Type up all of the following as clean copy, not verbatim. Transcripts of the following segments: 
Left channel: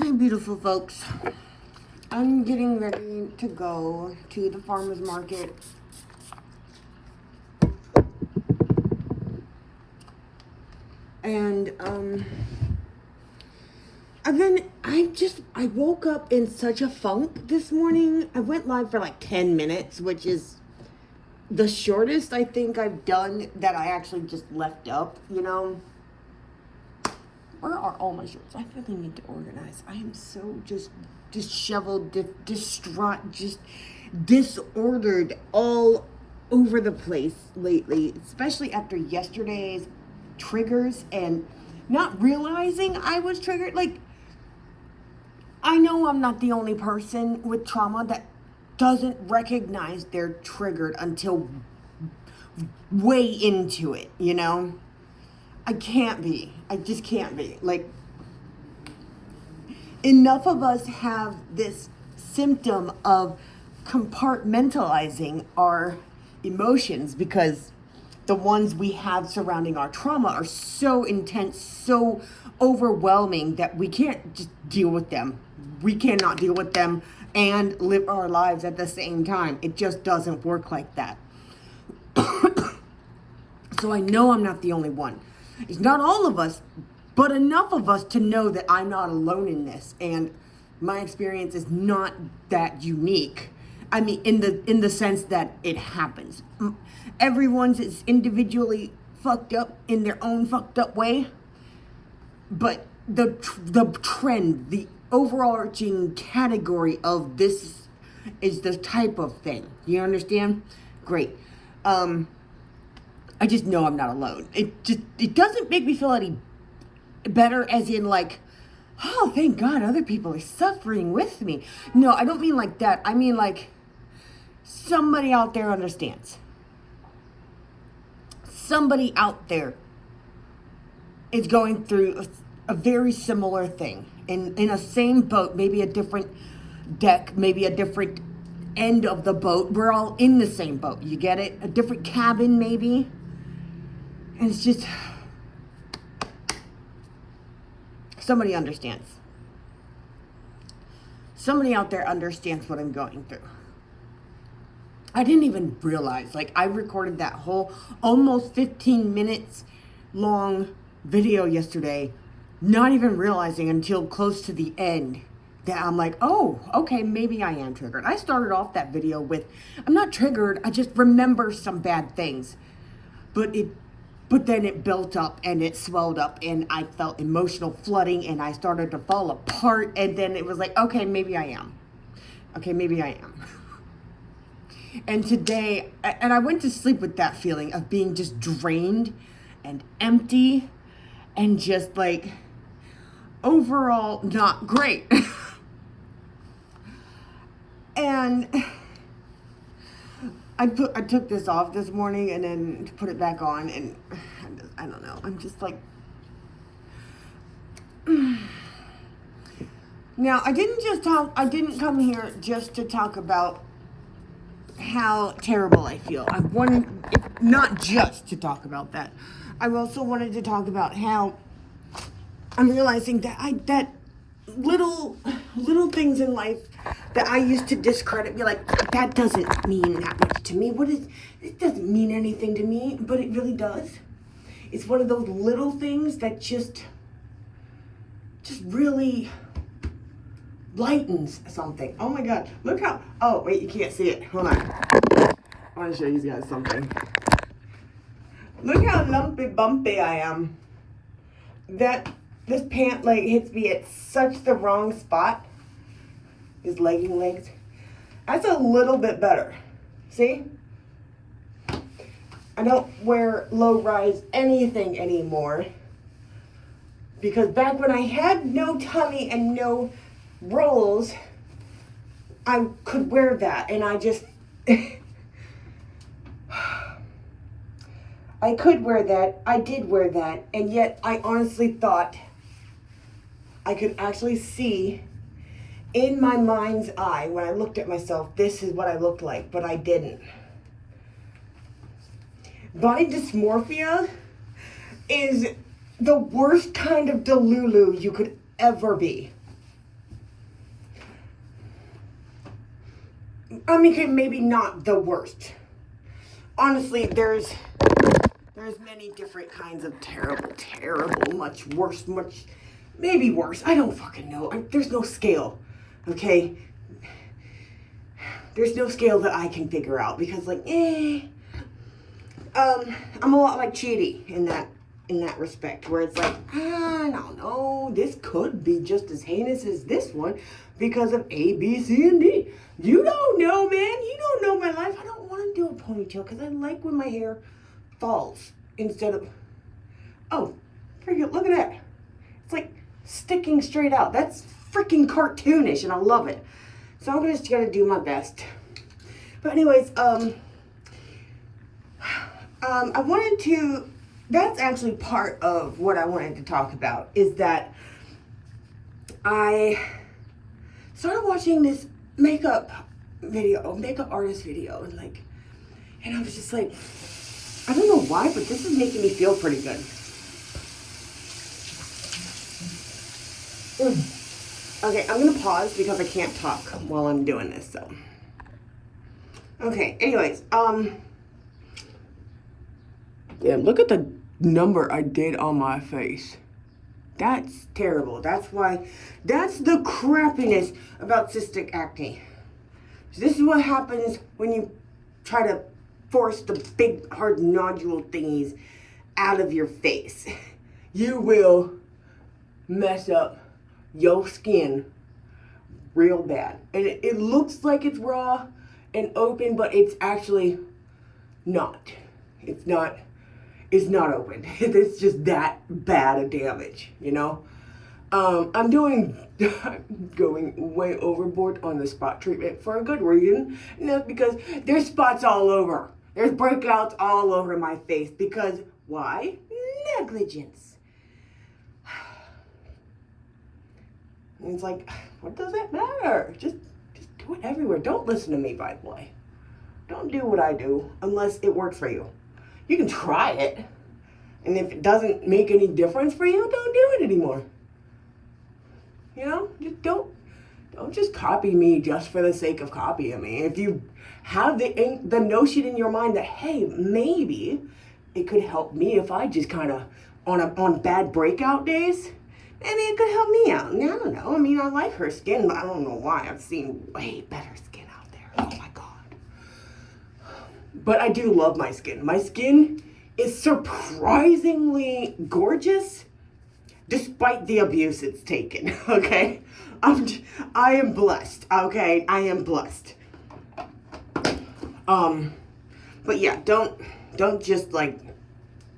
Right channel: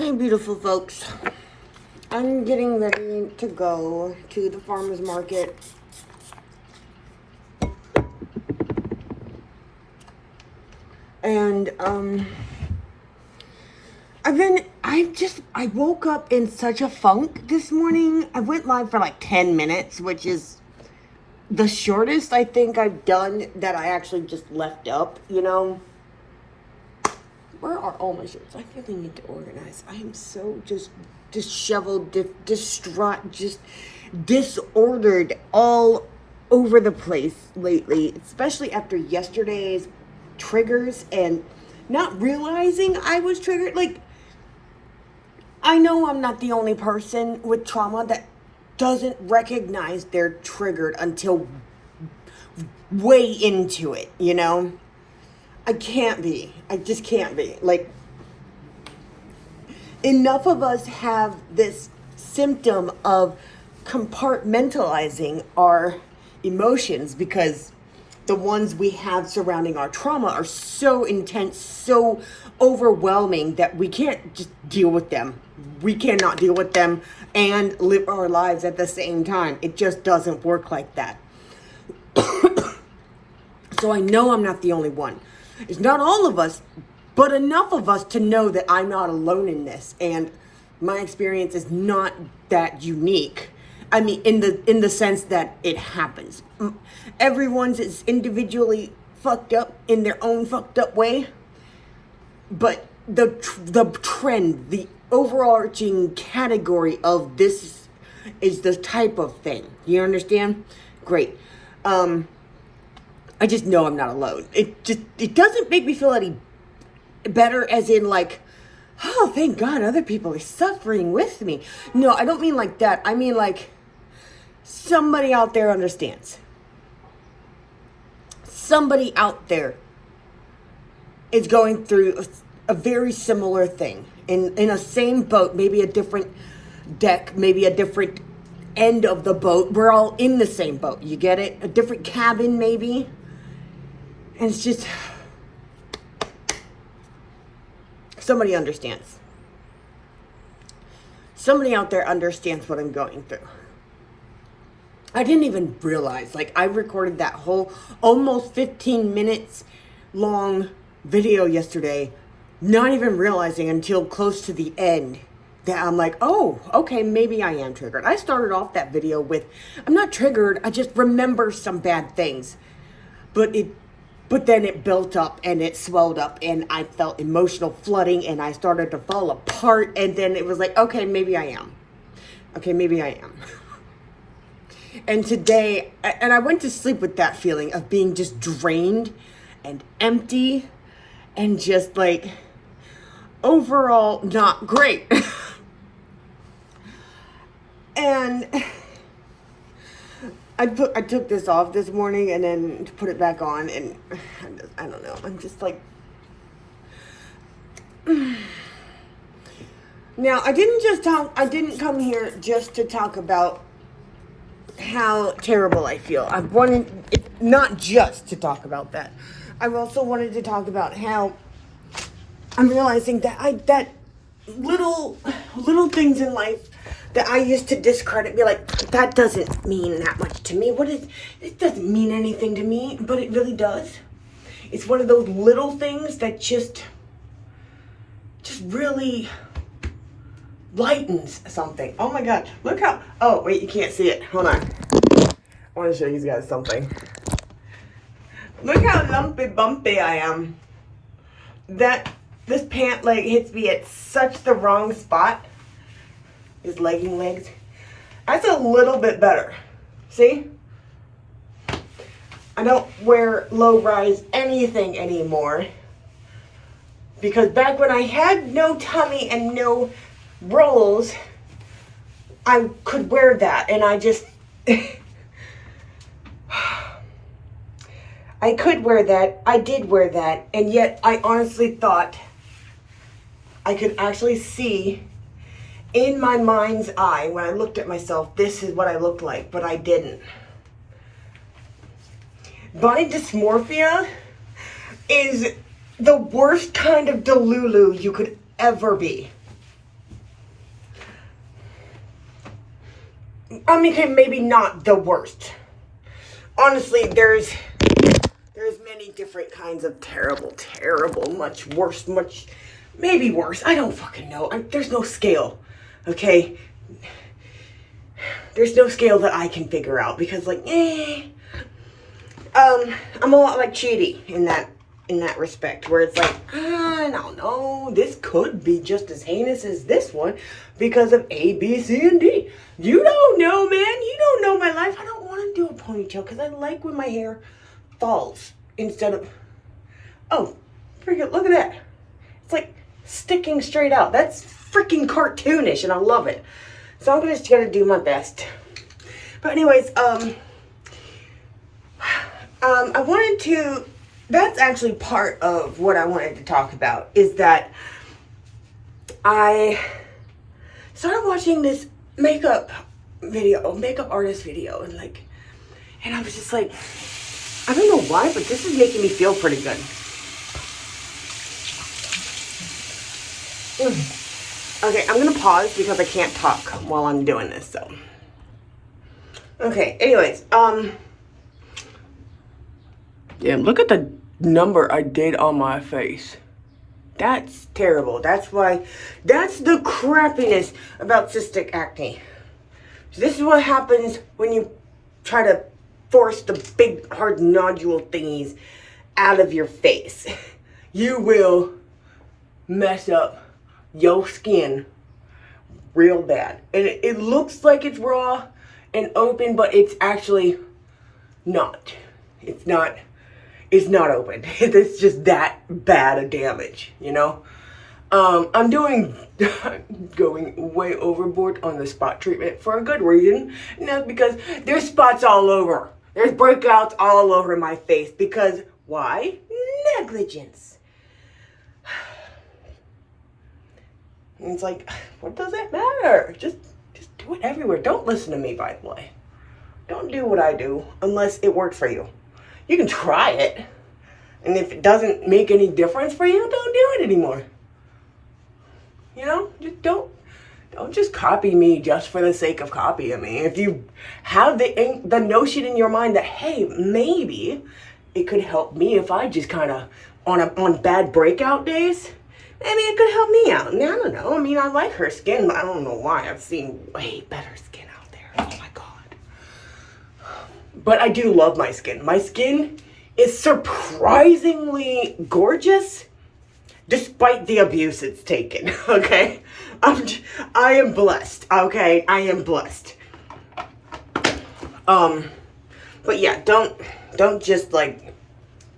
Hey, beautiful folks. I'm getting ready to go to the farmer's market. And, I woke up in such a funk this morning. I went live for like 10 minutes, which is the shortest I think I've done that I actually just left up, you know? Where are all my shirts? I really need to organize. I am so just disheveled, distraught, just disordered all over the place lately, especially after yesterday's triggers and not realizing I was triggered. Like, I know I'm not the only person with trauma that doesn't recognize they're triggered until way into it, you know? I can't be. I just can't be. Like, enough of us have this symptom of compartmentalizing our emotions because the ones we have surrounding our trauma are so intense, so overwhelming that we can't just deal with them. We cannot deal with them and live our lives at the same time. It just doesn't work like that. So I know I'm not the only one. It's not all of us, but enough of us to know that I'm not alone in this, and my experience is not that unique. I mean, in the sense that it happens. Everyone's is individually fucked up in their own fucked up way, but the trend, the overarching category of this is the type of thing. You understand? Great. I just know I'm not alone. It doesn't make me feel any better as in like, oh, thank God other people are suffering with me. No, I don't mean like that. I mean like somebody out there understands. Somebody out there is going through a very similar thing in a same boat, maybe a different deck, maybe a different end of the boat. We're all in the same boat. You get it? A different cabin maybe. And it's just, somebody understands. Somebody out there understands what I'm going through. I didn't even realize, like, I recorded that whole almost 15 minutes long video yesterday, not even realizing until close to the end that I'm like, oh, okay, maybe I am triggered. I started off that video with, I'm not triggered, I just remember some bad things. But then it built up and it swelled up and I felt emotional flooding and I started to fall apart. And then it was like, okay, maybe I am. Okay, maybe I am. And today, and I went to sleep with that feeling of being just drained and empty and just like overall not great. And I took this off this morning and then put it back on, and I don't know. I'm just like, now I didn't come here just to talk about how terrible I feel. I wanted not just to talk about that. I also wanted to talk about how I'm realizing that that little things in life that I used to discredit, be like, that doesn't mean that much to me. It doesn't mean anything to me, but it really does. It's one of those little things that just really lightens something. Oh my God, look how, oh wait, you can't see it. Hold on. I want to show you guys something. Look how lumpy bumpy I am. This pant leg hits me at such the wrong spot. His legging legs. That's a little bit better. See? I don't wear low-rise anything anymore. Because back when I had no tummy and no rolls, I could wear that. And I just... I could wear that. I did wear that. And yet I honestly thought I could actually see in my mind's eye, when I looked at myself, this is what I looked like, but I didn't. Body dysmorphia is the worst kind of delulu you could ever be. I mean, okay, maybe not the worst. Honestly, there's many different kinds of terrible, much worse, maybe worse. I don't fucking know. There's no scale, okay? There's no scale that I can figure out because, like, I'm a lot like Chidi in that respect, where it's like, I don't know, this could be just as heinous as this one because of A, B, C, and D. You don't know, man. You don't know my life. I don't want to do a ponytail because I like when my hair falls instead of, oh, freaking look at that. It's like sticking straight out. That's freaking cartoonish and I love it. So I'm just gonna do my best. But anyways, I wanted to, that's actually part of what I wanted to talk about, is that I started watching this makeup artist video, and I was just like, I don't know why, but this is making me feel pretty good. Okay, I'm gonna pause because I can't talk while I'm doing this, so. Okay, anyways, yeah, look at the number I did on my face. That's terrible. That's the crappiness about cystic acne. So this is what happens when you try to force the big hard nodule thingies out of your face. You will mess up your skin real bad. And it looks like it's raw and open, but it's actually not. It's not open. It's just that bad a damage, you know? I'm going way overboard on the spot treatment for a good reason. And that's because there's spots all over. There's breakouts all over my face because why? Negligence. And it's like, what does it matter? Just do it everywhere. Don't listen to me, by the way. Don't do what I do unless it works for you. You can try it. And if it doesn't make any difference for you, don't do it anymore. You know, just don't just copy me just for the sake of copying me. If you have the notion in your mind that, hey, maybe it could help me if I just kind of on bad breakout days, maybe it could help me out. And I don't know. I mean, I like her skin, but I don't know why. I've seen way better skin out there. Oh my God. But I do love my skin. My skin is surprisingly gorgeous despite the abuse it's taken, okay? I am blessed, okay? I am blessed. But yeah, don't just like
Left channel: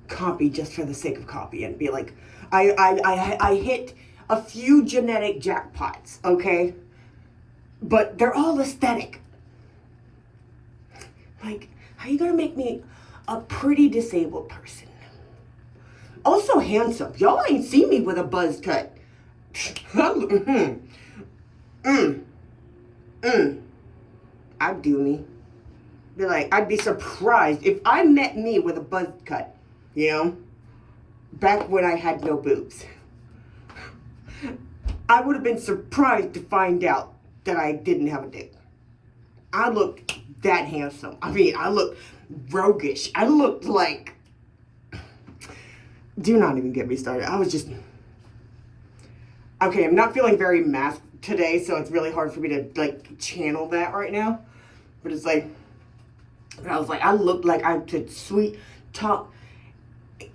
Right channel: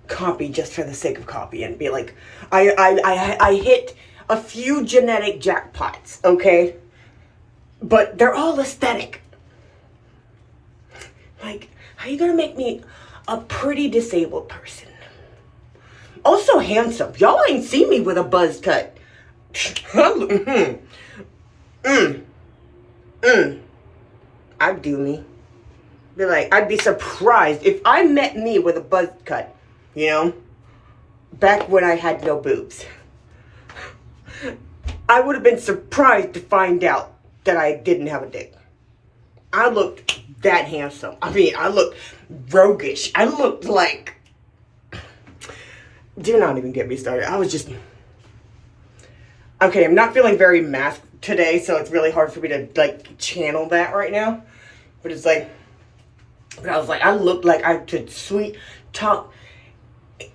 copy just for the sake of copy and be like, I hit a few genetic jackpots, okay? But they're all aesthetic. Like, how you gonna make me a pretty disabled person? Also handsome. Y'all ain't seen me with a buzz cut. I'd do me. Be like, I'd be surprised if I met me with a buzz cut, you know? Back when I had no boobs. I would have been surprised to find out that I didn't have a dick. I looked that handsome. I mean, I looked roguish. I looked like... Do not even get me started. I was just... Okay, I'm not feeling very masked today, so it's really hard for me to, like, channel that right now. But it's like... But I was like, I looked like I could sweet talk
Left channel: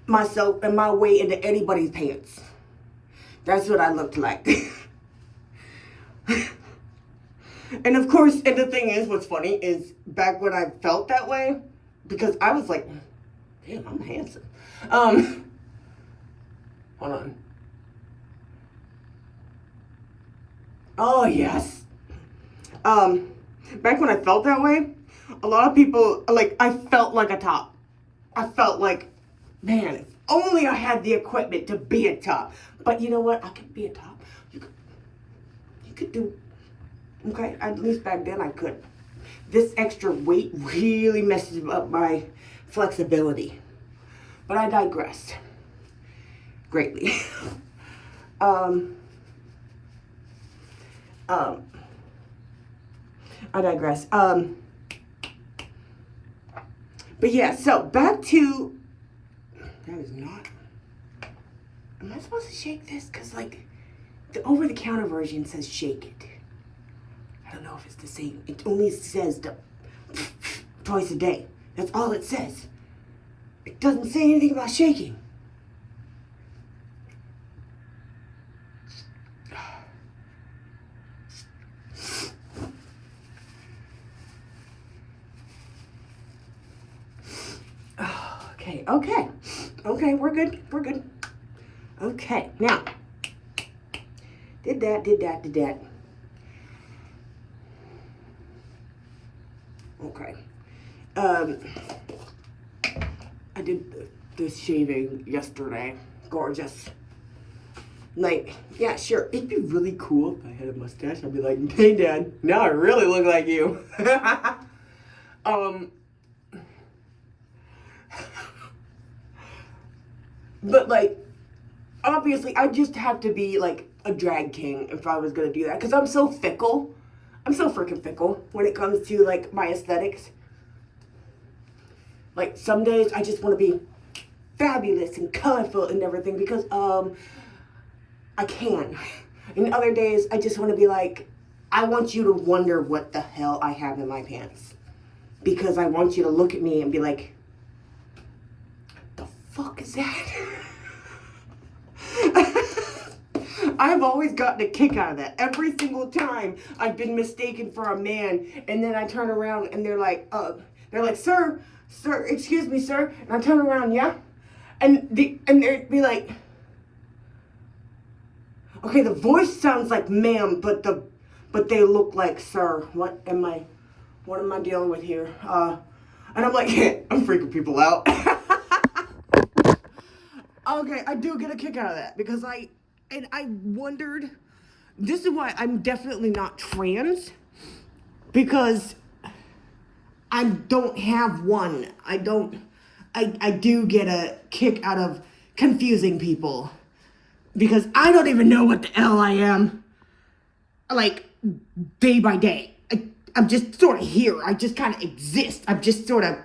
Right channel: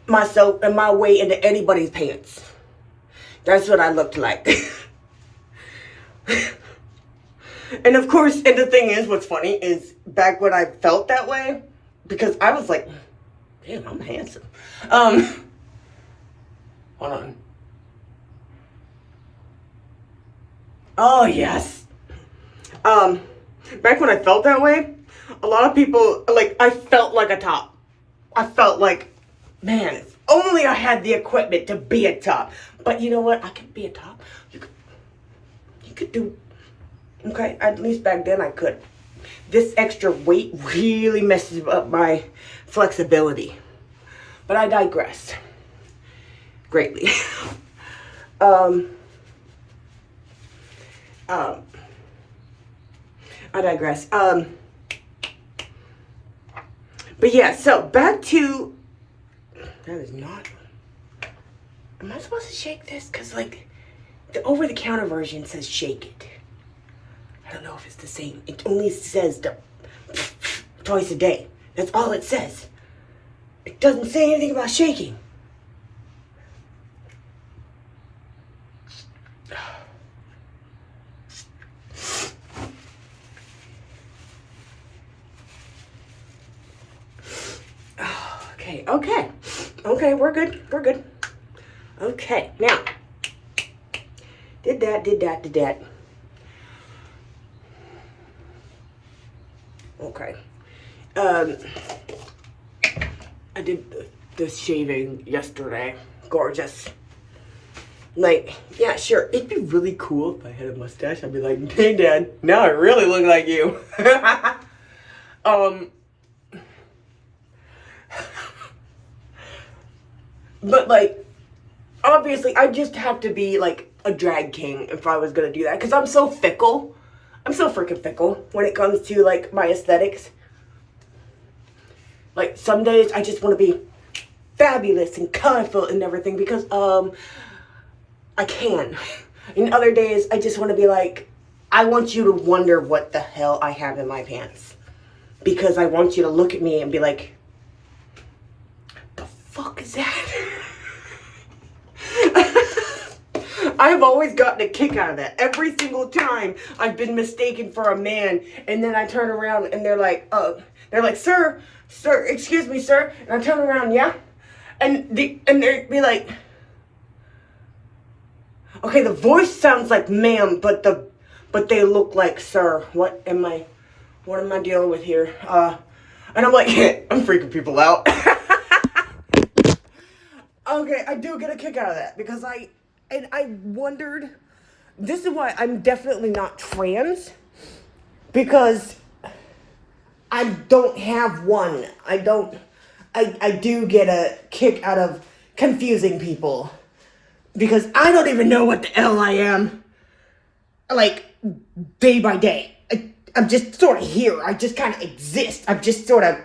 myself and my way into anybody's pants. That's what I looked like. And of course, and the thing is, what's funny is back when I felt that way, because I was like, damn, I'm handsome. Hold on. Oh, yes. Back when I felt that way, a lot of people, like, I felt like a top. I felt like, man, if only I had the equipment to be a top. But you know what? I could be a top. You could do, okay, at least back then I could. This extra weight really messes up my flexibility. But I digress greatly. I digress. But yeah, so back to, that is not, am I supposed to shake this? Because like the over-the-counter version says shake it. I don't know if it's the same. It only says twice a day. That's all it says. It doesn't say anything about shaking. Okay, we're good. Okay, now, did that. Okay. I did the shaving yesterday. Gorgeous. Like, yeah, sure. It'd be really cool if I had a mustache. I'd be like, hey, Dad, now I really look like you. But, like, obviously, I just have to be, like, a drag king if I was gonna do that. Because I'm so fickle. I'm so freaking fickle when it comes to, like, my aesthetics. Like, some days I just want to be fabulous and colorful and everything because, I can. And other days I just want to be like, I want you to wonder what the hell I have in my pants. Because I want you to look at me and be like, the fuck is that? I've always gotten a kick out of that. Every single time I've been mistaken for a man, and then I turn around and they're like, sir, excuse me, sir. And I turn around, yeah? And they'd be like, okay, the voice sounds like ma'am, but they look like sir. What am I dealing with here? And I'm like, I'm freaking people out. Okay, I do get a kick out of that because I wondered, this is why I'm definitely not trans, because I don't have one. I do get a kick out of confusing people because I don't even know what the hell I am, like, day by day. I'm just sort of here. I just kind of exist. I'm just sort of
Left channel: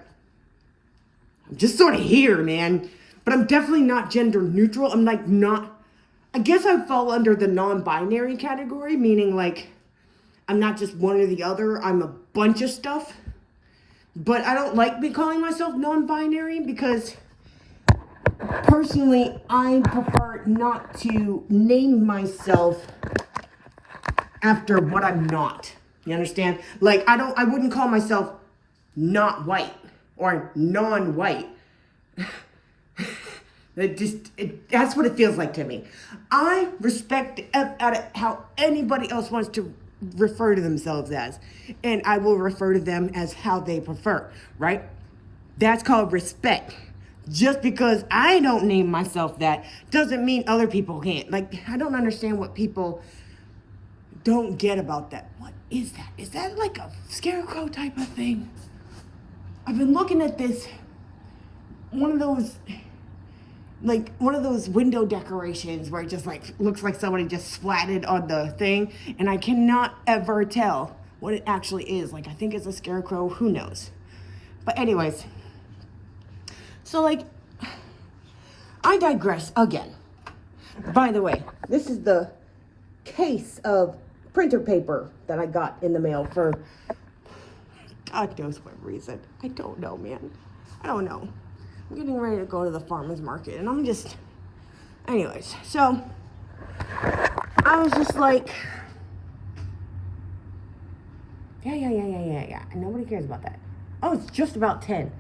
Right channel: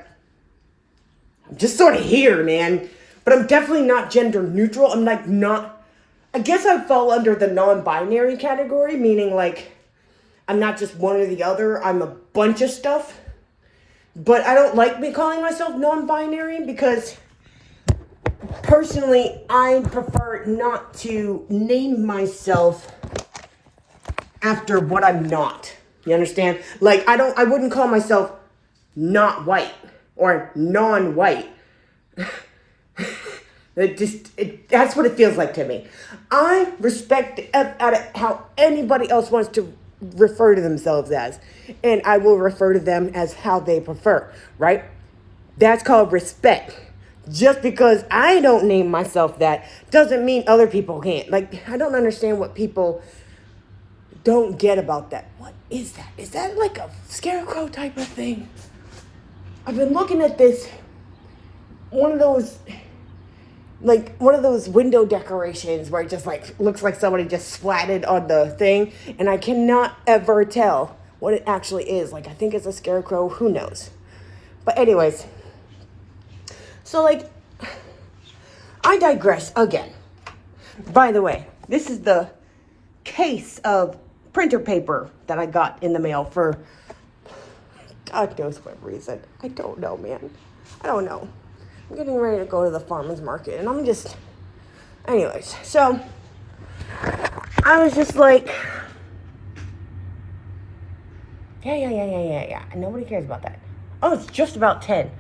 here, man. But I'm definitely not gender neutral. I'm like not, I guess I fall under the non-binary category, meaning like I'm not just one or the other. I'm a bunch of stuff. But I don't like me calling myself non-binary because personally I prefer not to name myself after what I'm not. You understand? Like I wouldn't call myself not white or non-white. That's what it feels like to me. I respect the F out of how anybody else wants to refer to themselves as, and I will refer to them as how they prefer, right? That's called respect. Just because I don't name myself that doesn't mean other people can't. Like, I don't understand what people don't get about that. What is that? Is that like a scarecrow type of thing? I've been looking at this, one of those window decorations where it just like looks like somebody just splatted on the thing, and I cannot ever tell what it actually is. Like, I think it's a scarecrow, who knows? But anyways, so like, I digress again. By the way, this is the case of printer paper that I got in the mail for God knows what reason. I don't know, man. I don't know. I'm getting ready to go to the farmer's market, and I'm just, anyways, so I was just like, yeah, nobody cares about that. Oh, it's just about 10.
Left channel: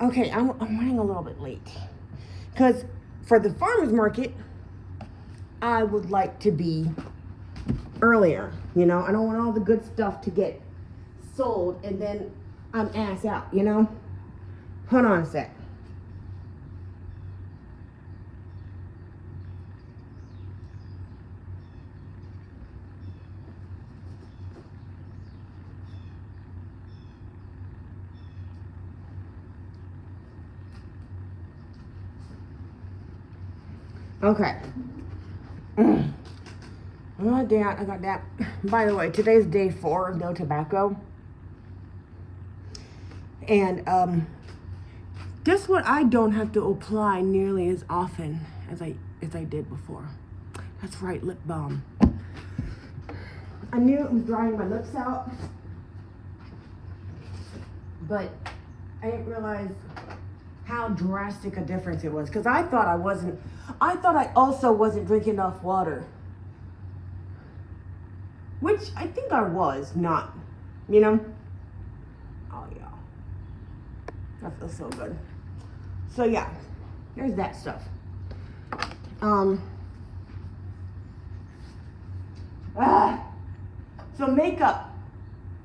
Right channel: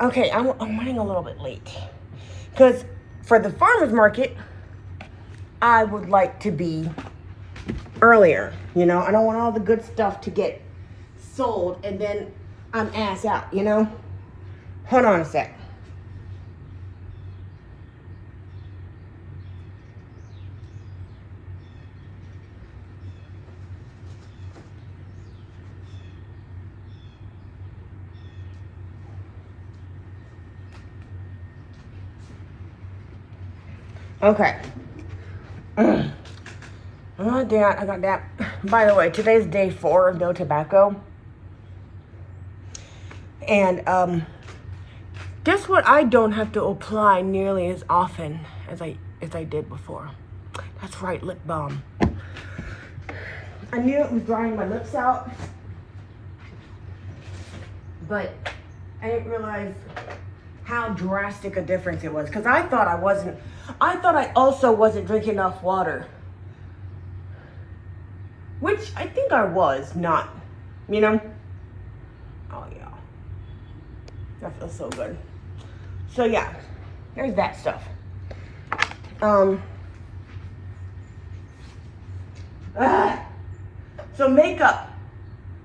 Okay, I'm running a little bit late, because for the farmer's market, I would like to be earlier, you know? I don't want all the good stuff to get sold, and then I'm ass out, you know? Hold on a sec. Okay. I got that. By the way, today's day 4 of no tobacco. And guess what? I don't have to apply nearly as often as I did before. That's right, lip balm. I knew it was drying my lips out, but I didn't realize how drastic a difference it was. Because I thought I also wasn't drinking enough water. Which I think I was not, you know? Oh yeah. That feels so good. So yeah, there's that stuff. So makeup,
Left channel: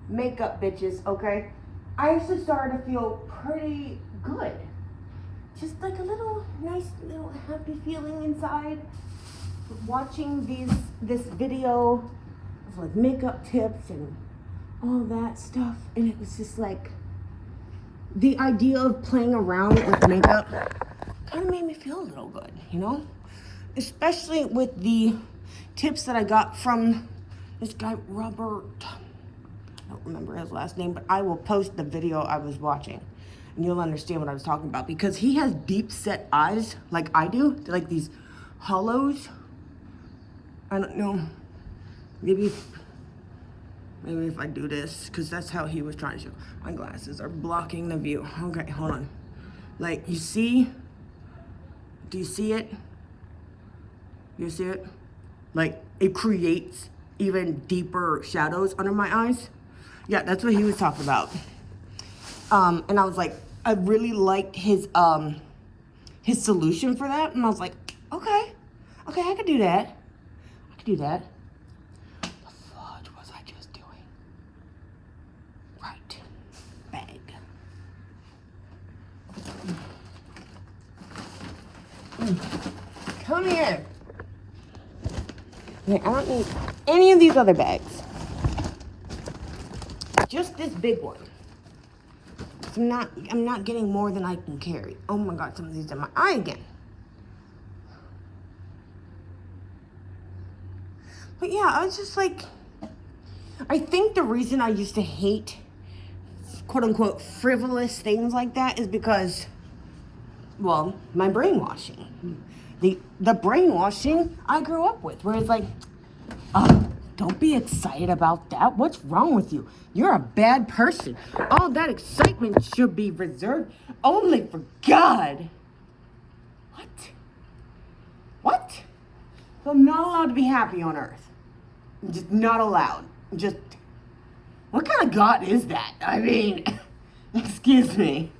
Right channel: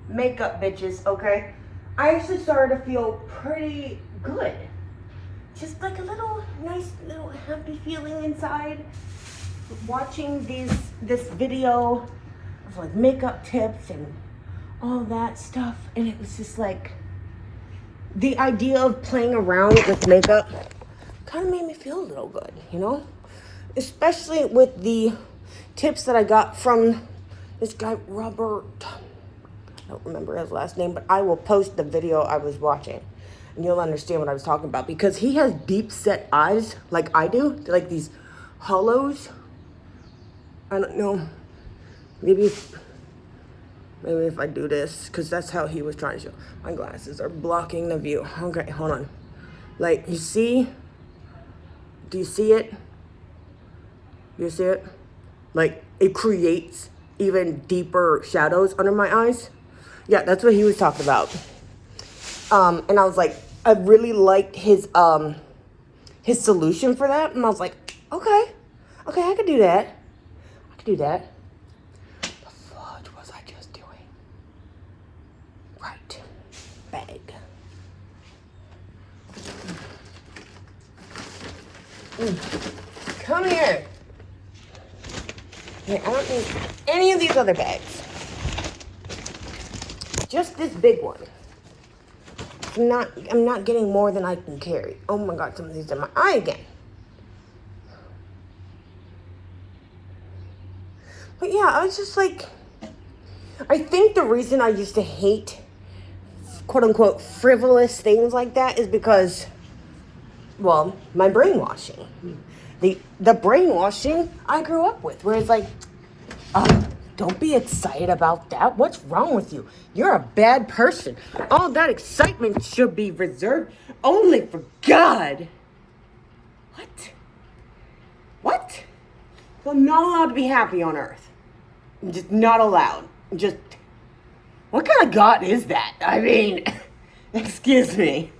bitches, okay? I actually started to feel pretty good. Just like a little nice little happy feeling inside. Watching this video of like makeup tips and all that stuff, and it was just like the idea of playing around with makeup kind of made me feel a little good, you know? Especially with the tips that I got from this guy, Robert. I don't remember his last name, but I will post the video I was watching and you'll understand what I was talking about, because he has deep set eyes like I do, like these hollows. I don't know, maybe if I do this, because that's how he was trying to show. My glasses are blocking the view. Okay, hold on. Like, you see? Do you see it? You see it? Like, it creates even deeper shadows under my eyes. Yeah, that's what he was talking about. And I was like, I really liked his solution for that. And I was like, okay, I could do that. The fudge was I just doing? Right. Bag. Come here. Yeah, I don't need any of these other bags. Just this big one. I'm not getting more than I can carry. Oh my God, some of these are in my eye again. But yeah, I was just like, I think the reason I used to hate quote unquote frivolous things like that is because, well, my brainwashing. The brainwashing I grew up with, where it's like, oh, don't be excited about that. What's wrong with you? You're a bad person. All that excitement should be reserved only for God. What? So I'm not allowed to be happy on earth. I'm just not allowed. Just, what kind of God is that? I mean, excuse me.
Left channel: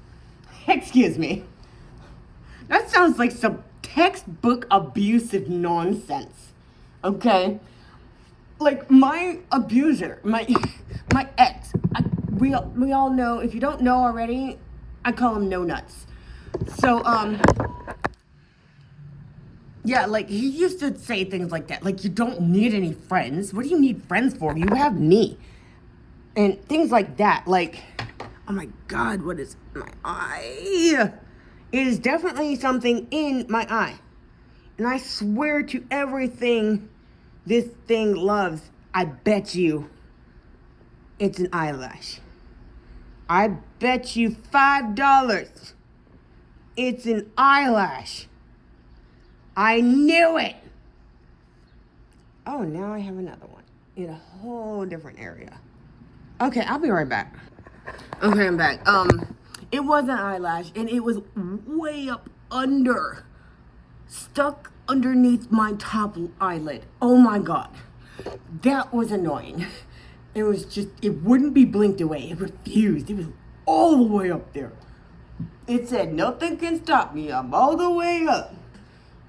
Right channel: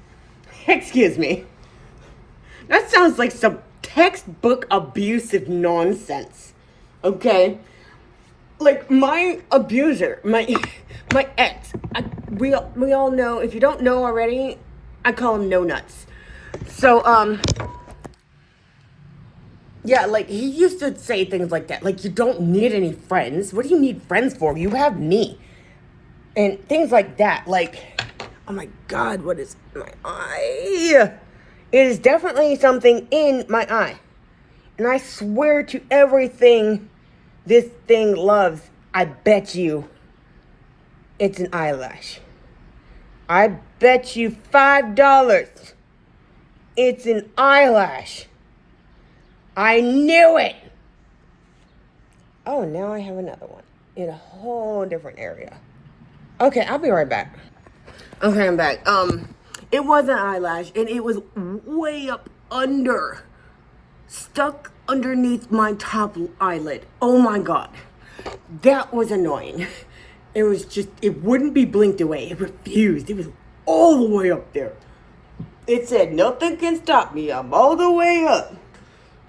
That sounds like some textbook abusive nonsense. Okay? Like, my abuser, my ex, we all know, if you don't know already, I call him No Nuts. So, yeah, like, he used to say things like that. Like, you don't need any friends. What do you need friends for? You have me. And things like that. Like, oh my God, what is my eye? It is definitely something in my eye. And I swear to everything this thing loves, I bet you it's an eyelash. I bet you $5 it's an eyelash. I knew it. Oh, now I have another one in a whole different area. Okay, I'll be right back. Okay, I'm back. It was an eyelash, and it was way up under, stuck underneath my top eyelid. Oh my God, that was annoying. It was just, it wouldn't be blinked away. It refused. It was all the way up there. It said, nothing can stop me. I'm all the way up.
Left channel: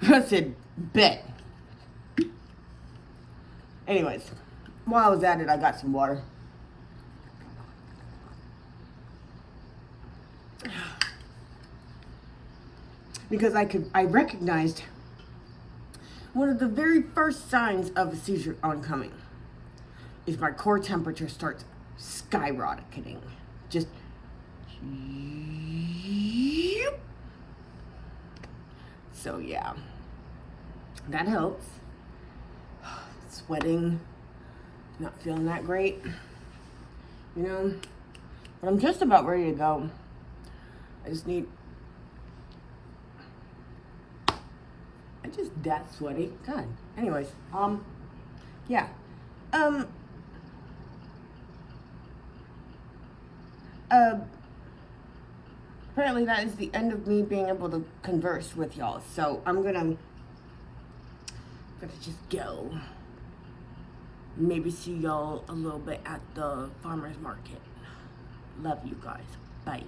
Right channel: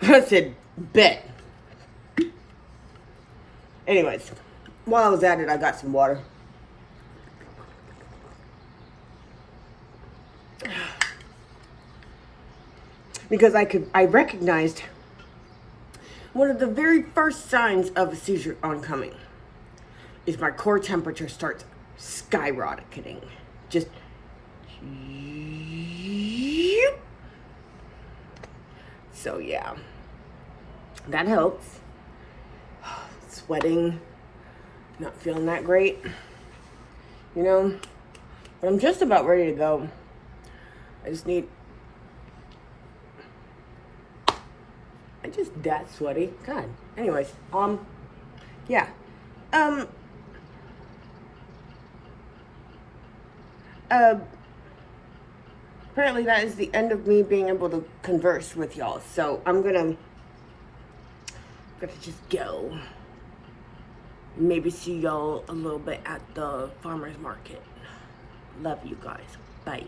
I said, bet. Anyways, while I was at it, I got some water. Because I recognized one of the very first signs of a seizure oncoming is my core temperature starts skyrocketing. Just, so yeah, that helps. Sweating, not feeling that great, you know. But I'm just about ready to go. I just that sweaty. God. Anyways, yeah. Apparently that is the end of me being able to converse with y'all. So I'm gonna just go. Maybe see y'all a little bit at the farmer's market. Love you guys. Bye.